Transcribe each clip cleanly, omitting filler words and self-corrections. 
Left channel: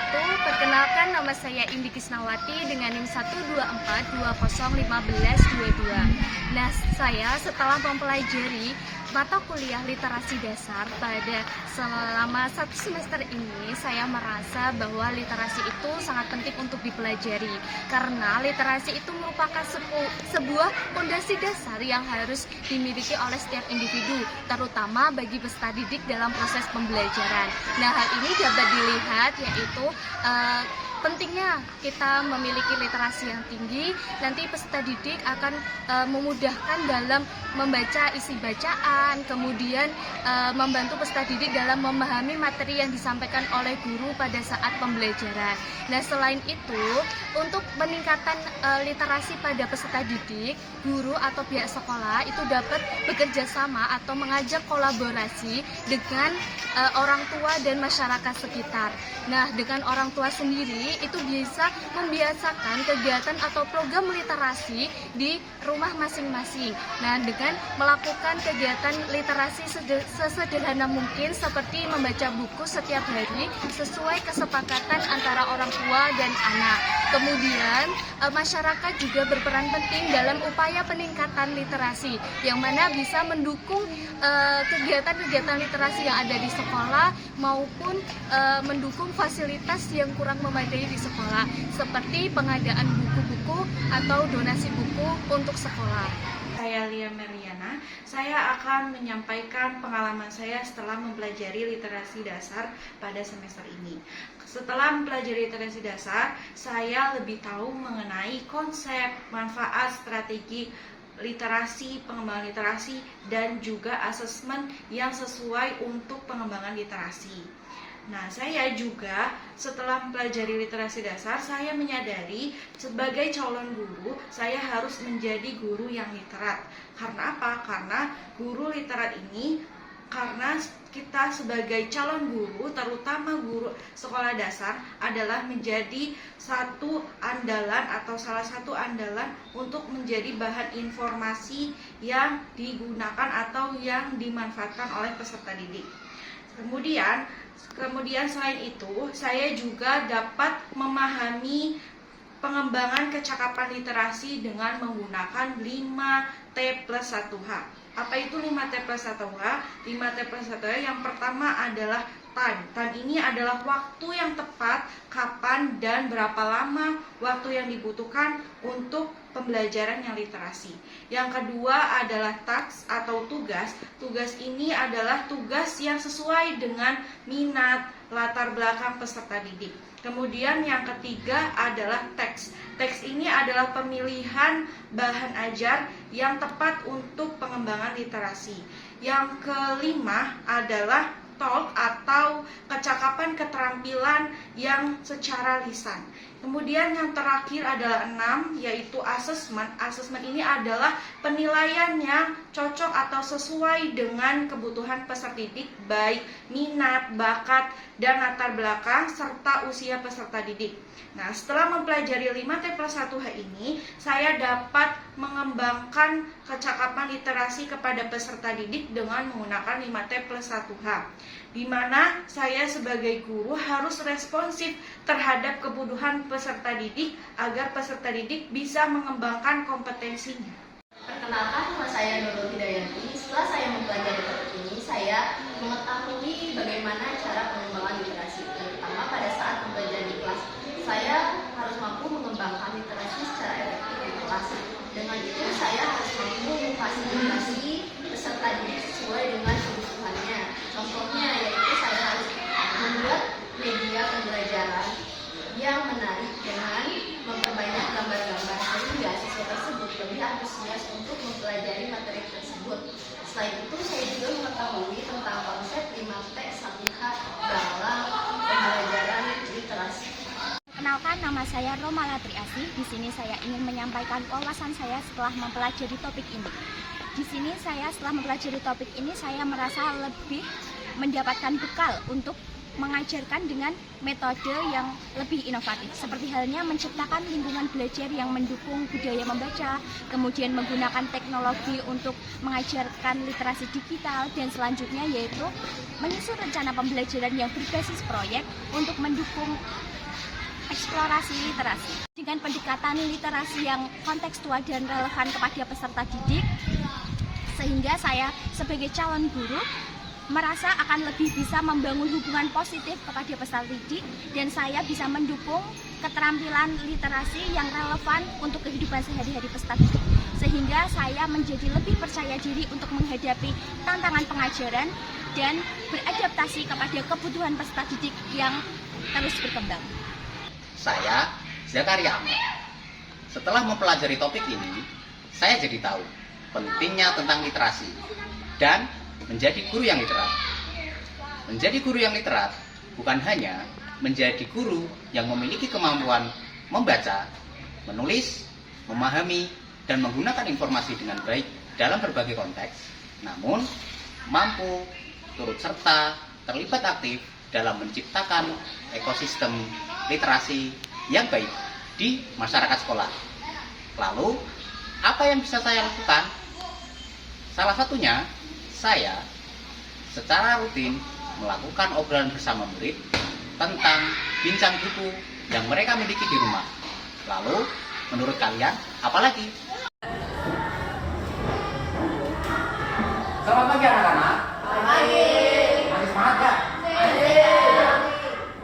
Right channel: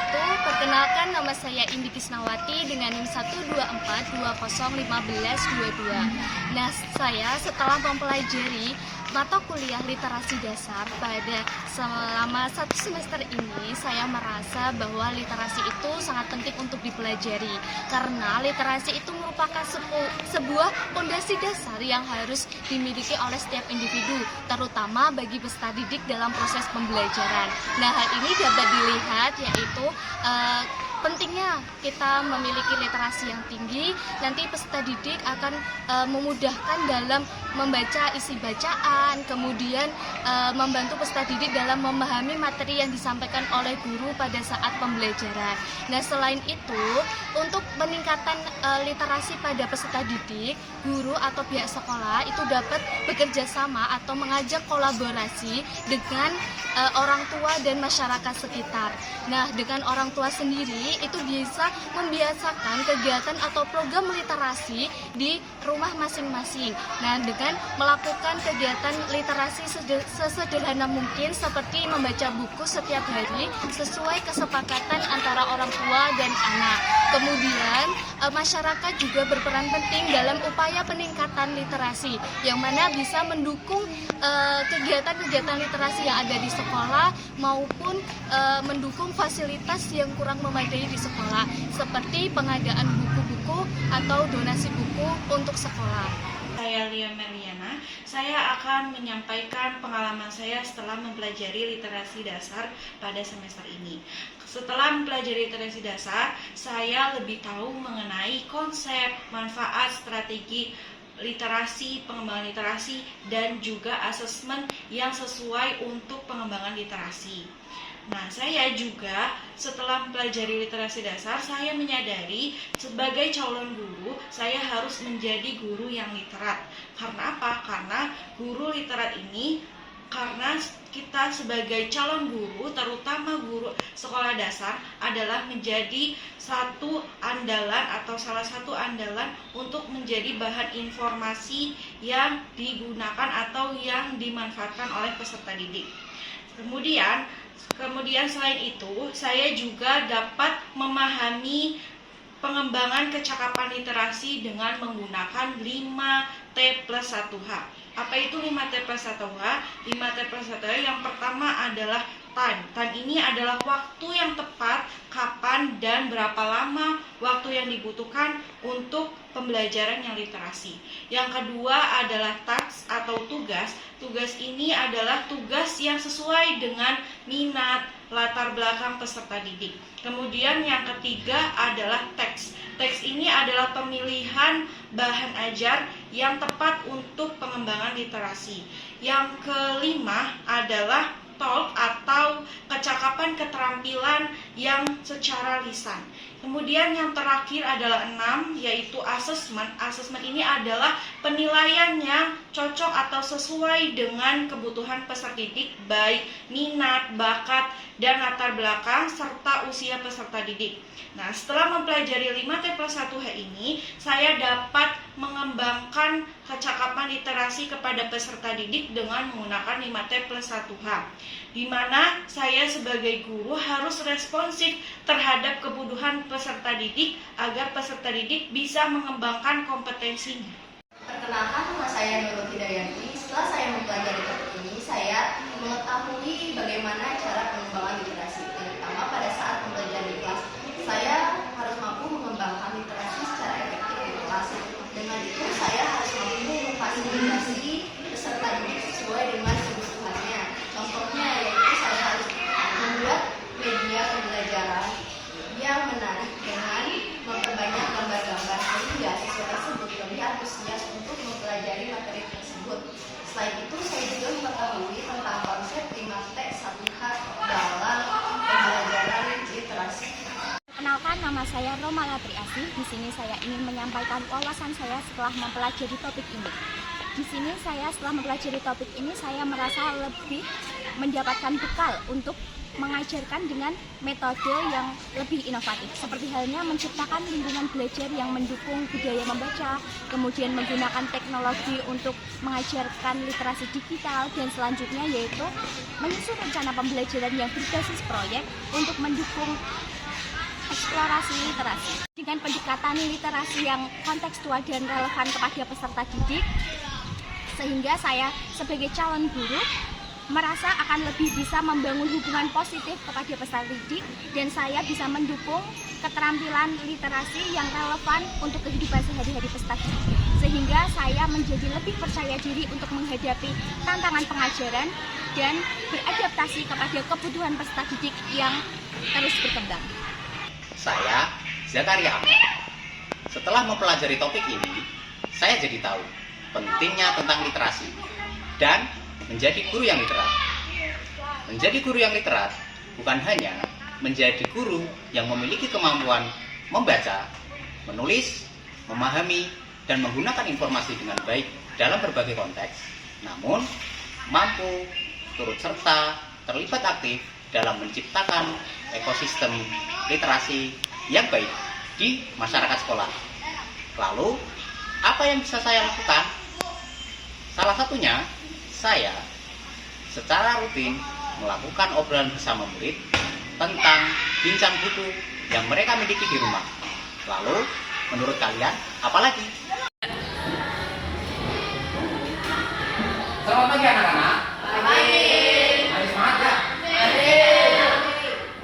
wabarakatuh. Perkenalkan, nama saya Indi Kisnawati dengan NIM 124201522. Nah, saya setelah mempelajari mata kuliah literasi dasar pada selama 1 semester ini, saya merasa bahwa literasi itu sangat penting untuk dipelajari karena literasi itu merupakan sebuah fondasi dasar yang harus dimiliki oleh setiap individu, terutama bagi peserta didik dalam proses pembelajaran. Nah, hal ini dapat dilihat yaitu pentingnya kita memiliki literasi yang tinggi. Nanti peserta didik akan memudahkan dalam membaca isi bacaan, kemudian membantu peserta didik dalam memahami materi yang disampaikan oleh guru pada saat pembelajaran. Nah, selain itu, untuk peningkatan literasi pada peserta didik, guru atau pihak sekolah itu dapat bekerja sama atau mengajak kolaborasi dengan orang tua dan masyarakat sekitar. Nah, dengan orang tua sendiri itu bisa membiasakan kegiatan atau program literasi di rumah masing-masing. Nah, dengan melakukan kegiatan literasi sesederhana mungkin seperti membaca buku setiap hari sesuai kesepakatan antara orang tua dan anak. Kemudian masyarakat juga berperan penting dalam upaya peningkatan literasi, yang mana bisa mendukung kegiatan-kegiatan literasi yang ada di sekolah maupun mendukung fasilitas yang kurang memadai di sekolah, seperti pengadaan buku-buku atau donasi buku untuk sekolah. Saya Lia Meriana, saya akan menyampaikan pengalaman saya setelah mempelajari literasi dasar pada semester ini. Setelah mempelajari literasi dasar, saya lebih tahu mengenai konsep, manfaat, strategi literasi, pengembangan literasi, dan juga asesmen yang sesuai untuk pengembangan literasi. Nah, saya juga setelah mempelajari literasi dasar, saya menyadari sebagai calon guru, saya harus menjadi guru yang literat. Karena apa? Karena guru literat ini, karena kita sebagai calon guru, terutama guru sekolah dasar, adalah menjadi satu andalan atau salah satu andalan untuk menjadi bahan informasi yang digunakan atau yang dimanfaatkan oleh peserta didik. Kemudian selain itu, saya juga dapat memahami pengembangan kecakapan literasi dengan menggunakan 5T+1H. Apa itu 5T+1H? 5T+1H yang pertama adalah time. Time ini adalah waktu yang tepat, kapan dan berapa lama waktu yang dibutuhkan untuk pembelajaran yang literasi. Yang kedua adalah task atau tugas. Tugas ini adalah tugas yang sesuai dengan minat, latar belakang peserta didik. Kemudian yang ketiga adalah teks. Teks ini adalah pemilihan bahan ajar yang tepat untuk pengembangan literasi. Yang kelima adalah talk atau kecakapan keterampilan yang secara lisan. Kemudian yang terakhir adalah 6, yaitu asesmen. Asesmen ini adalah penilaian yang cocok atau sesuai dengan kebutuhan peserta didik, baik minat, bakat, dan latar belakang serta usia peserta didik. Nah, setelah mempelajari 5T+1H ini, saya dapat mengembangkan kecakapan literasi kepada peserta didik dengan menggunakan 5T+1H, di mana saya sebagai guru harus responsif terhadap kebutuhan peserta didik agar peserta didik bisa mengembangkan kompetensinya. Perkenalkan, nama saya Nurul Hidayati. Setelah saya mempelajari topik ini, saya mengetahui bagaimana cara pengembangan literasi. Yang pertama, pada saat pembelajaran di kelas, saya harus mampu mengembangkan literasi secara efektif di kelas. Dengan itu, saya harus mampu memfasilitasi peserta didik sesuai dengan kebutuhannya. Contohnya, yaitu saya harus membuat media pembelajaran yang menarik dengan memperbanyak gambar-gambar sehingga siswa tersebut lebih antusias untuk mempelajari materi tersebut. Selain itu, saya juga mengetahui tentang konsep 5T+1H dalam pembelajaran literasi. Perkenalkan, nama saya Roma Latriasih. Di sini saya ingin menyampaikan wawasan saya setelah mempelajari topik ini. Di sini saya setelah mempelajari topik ini, saya merasa lebih mendapatkan bekal untuk mengajarkan dengan metode yang lebih inovatif, seperti halnya menciptakan lingkungan belajar yang mendukung budaya membaca, kemudian menggunakan teknologi untuk mengajarkan literasi digital, dan selanjutnya yaitu menyusun rencana pembelajaran yang berbasis proyek untuk mendukung eksplorasi literasi. Dengan pendekatan literasi yang kontekstual dan relevan kepada peserta didik, sehingga saya sebagai calon guru merasa akan lebih bisa membangun hubungan positif kepada peserta didik, dan saya bisa mendukung keterampilan literasi yang relevan untuk kehidupan sehari-hari peserta didik, sehingga saya menjadi lebih percaya diri untuk menghadapi tantangan pengajaran dan beradaptasi kepada kebutuhan peserta didik yang terus berkembang. Saya Zakaria Ahmad. Setelah mempelajari topik ini, saya jadi tahu pentingnya tentang literasi dan menjadi guru yang literat. Menjadi guru yang literat bukan hanya menjadi guru yang memiliki kemampuan membaca, menulis, memahami, dan menggunakan informasi dengan baik dalam berbagai konteks, namun mampu turut serta terlibat aktif dalam menciptakan ekosistem literasi yang baik di masyarakat sekolah. Lalu, apa yang bisa saya lakukan? Salah satunya, saya secara rutin melakukan obrolan bersama murid tentang bincang buku yang mereka miliki di rumah. Lalu, menurut kalian, apa lagi? Selamat pagi anak-anak. Pagi. Masih semangat gak?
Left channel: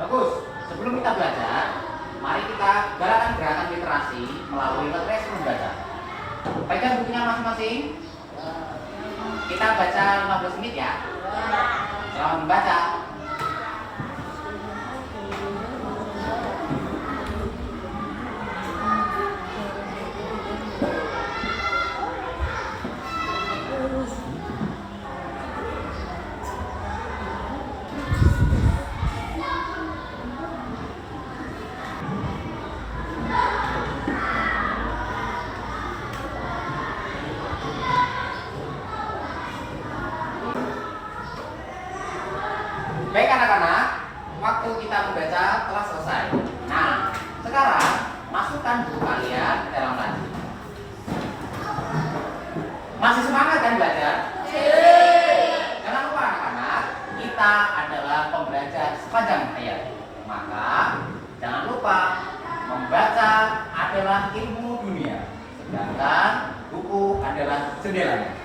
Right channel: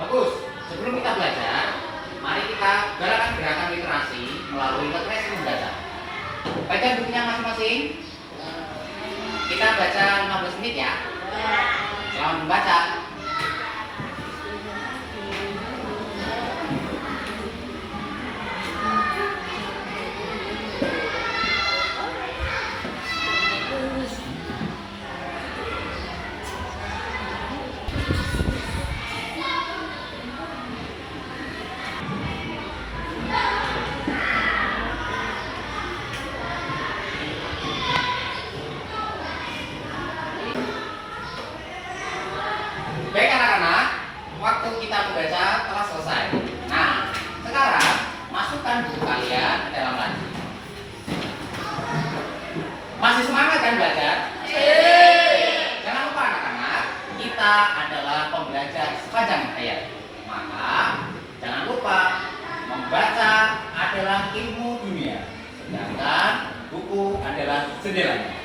Bagus. Sebelum kita belajar, mari kita galakan gerakan literasi melalui literasi membaca. Pegang bukunya masing-masing. Kita baca 15 menit ya. Selamat membaca. Baik anak-anak, waktu kita membaca telah selesai. Nah, sekarang masukkan buku kalian ke dalam laci. Masih semangat kan belajar? Jangan lupa anak-anak, kita adalah pembelajar sepanjang hayat. Maka, jangan lupa membaca adalah ilmu dunia, sedangkan buku adalah jendelanya.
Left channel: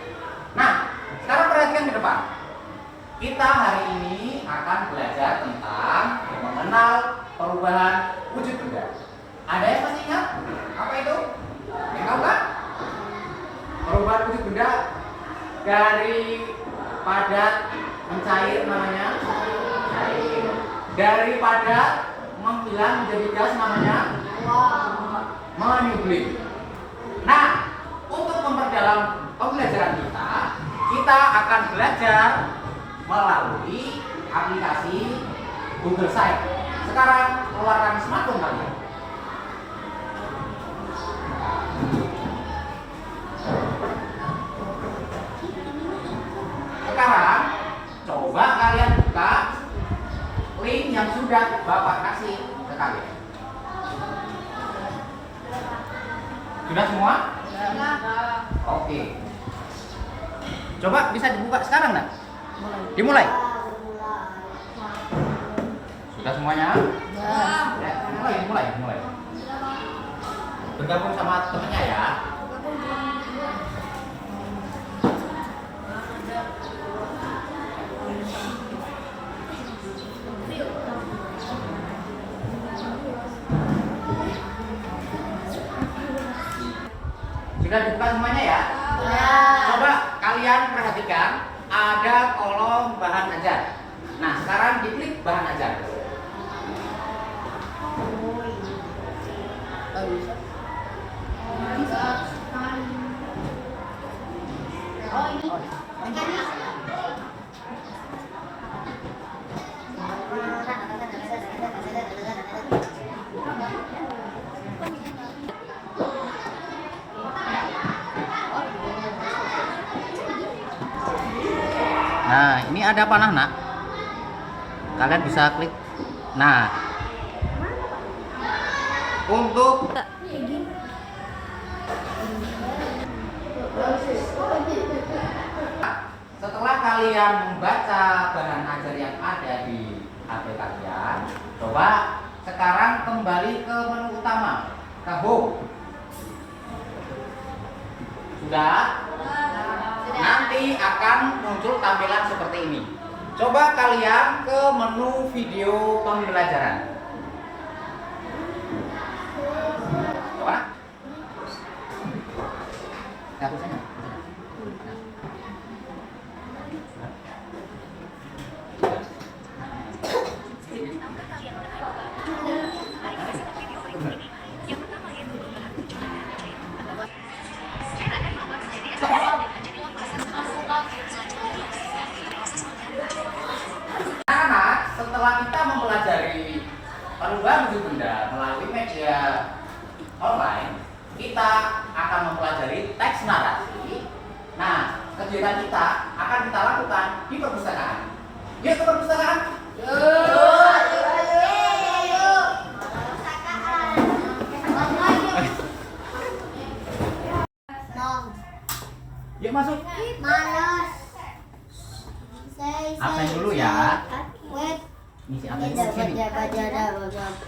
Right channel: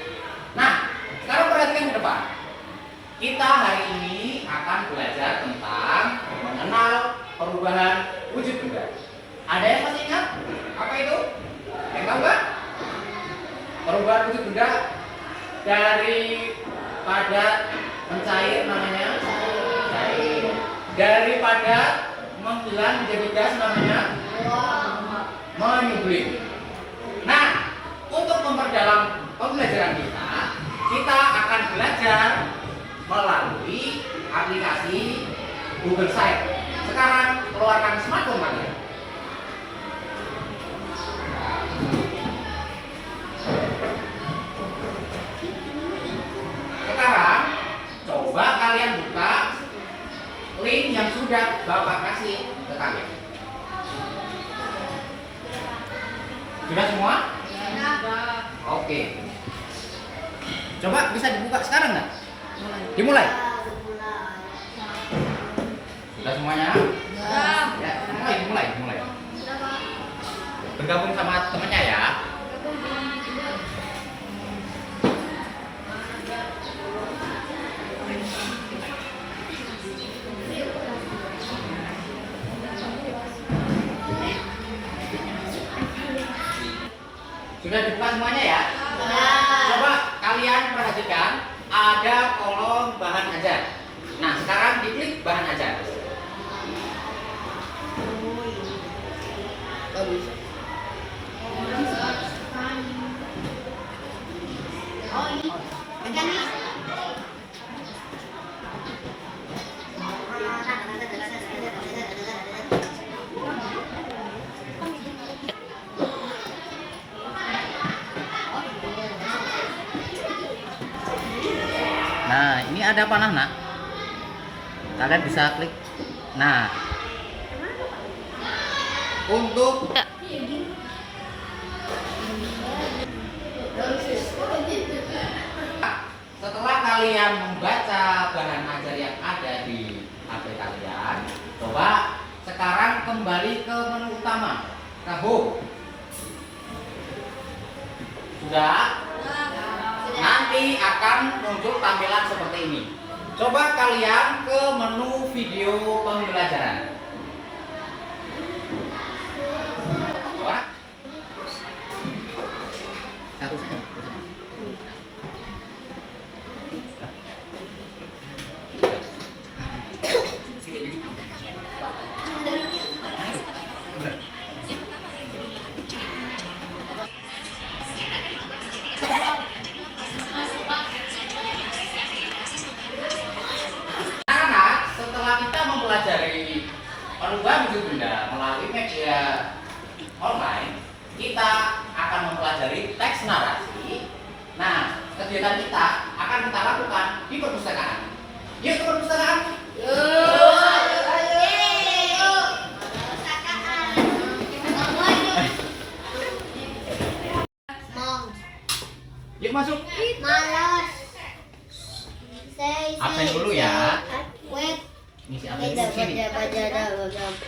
Nah, sekarang perhatikan ke depan. Kita hari ini akan belajar tentang mengenal perubahan wujud benda. Ada yang masih ingat? Apa itu? Yang tahu nggak? Perubahan wujud benda dari padat mencair namanya cair. Dari padat menghilang menjadi gas namanya menyublim. Nah, untuk memperdalam pembelajaran kita akan belajar melalui aplikasi Google Site. Sekarang keluarkan smartphone kalian. Sekarang coba kalian buka link yang sudah Bapak kasih ke kalian. Sudah semua? Oke. Coba bisa dibuka sekarang nggak? Dimulai. Sudah semuanya? Ya, dimulai. Bergabung sama temennya ya. Sudah dibuka semuanya ya? Coba kalian perhatikan, ada kolom bahan ajar. Nah, sekarang diklik bahan ajar. Nah, ini ada panah, Nak. Kalian bisa klik. Nah, untuk setelah kalian membaca bahan ajar yang ada di HP kalian, coba sekarang kembali ke menu utama. Kamu sudah? Nanti akan muncul tampilan seperti ini. Coba kalian ke menu video pembelajaran. Coba. Satu saja. Anak-anak, setelah kita mempelajari perubahan wujud benda melalui media online, kita akan mempelajari teks narasi. Nah, kegiatan kita akan kita lakukan di perpustakaan. Yuk ke perpustakaan. Yuk masuk. Malas. Absen dulu ya. Wait. Ngisi absen dulu sini.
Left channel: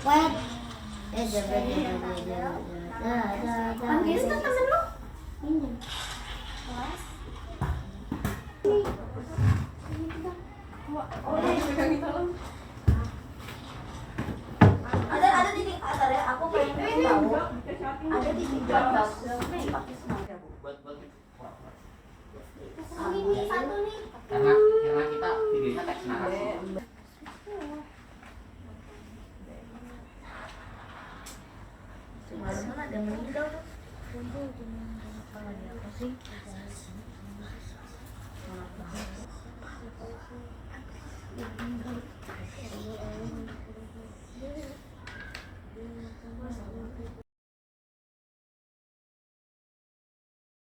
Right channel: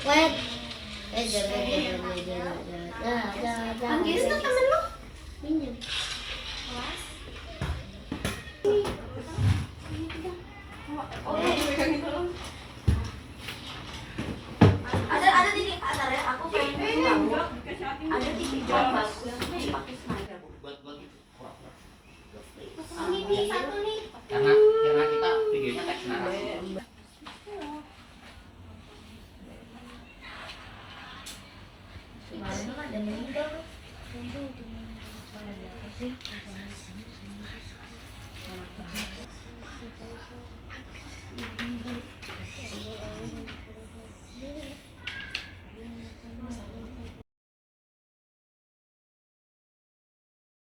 Wait. Panggilin tuh temen lu. Minjem. Ada titik ada ya, aku pengen tahu. Ada titik buat bagus nih pakai sniper. Ini satu nih. Karena kita videonya teks narasi. Ada meninggal.